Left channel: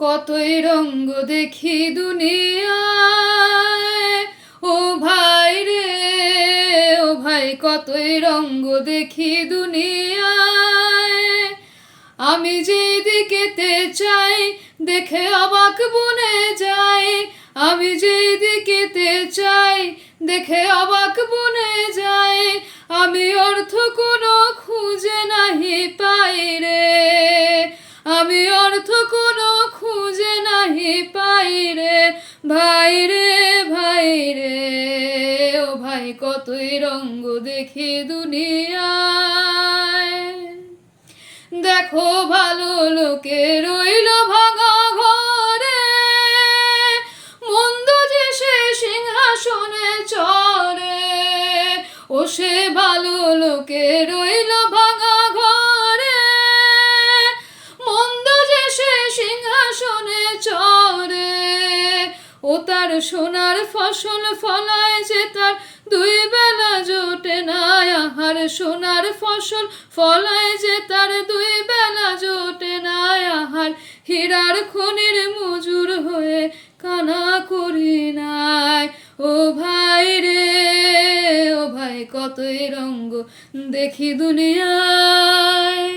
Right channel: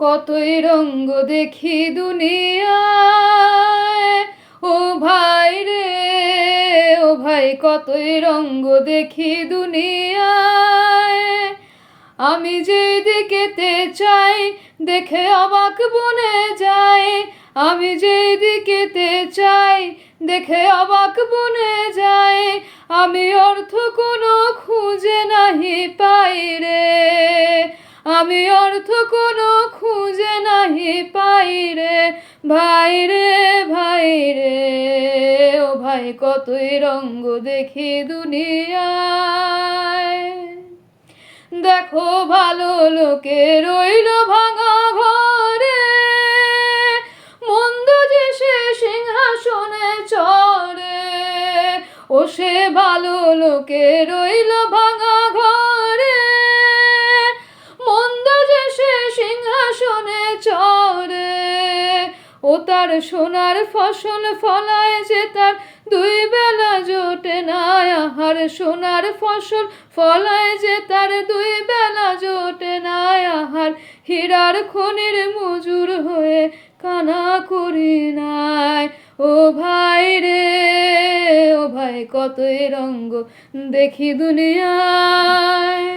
কতই রঙ্গ দেখি দুনিয়ায়, ও ভাই রে ও ভাই, কতই রঙ্গ দেখি দুনিয়ায়। আমি যেদিকেতে চাই দেখে অবাক বনে যাই, আমি যেদিকেতে চাই দেখে অবাক বনে যাই। আমি অর্থ কোনো খুঁজে নাহি পাই রে, আমি অর্থ কোনো খুঁজে নাহি পাই রে। ভাই রে ভাই রে ও ভাই, কতই রঙ্গ দেখি দুনিয়ায়। দেখো ভালো লোকে রইল ভাঙা ঘরে, মন্দ যে সে সিংহাসনে চড়ে। ও সে ভালো লোকে রইল ভাঙা ঘরে, মন্দ যে সে সিংহাসনে চড়ে। ও তার সোনার ফসল ফলায় যে তার দুই বেলা জোটে না আহার, সোনার ফসল ফলায় যে তার দুই বেলা জোটে না আহার। হীরার খনির মজুর হয়ে কানা করি নাই, ও ভাই রে ও ভাই, কতই রঙ্গ দেখি দুনিয়ায়।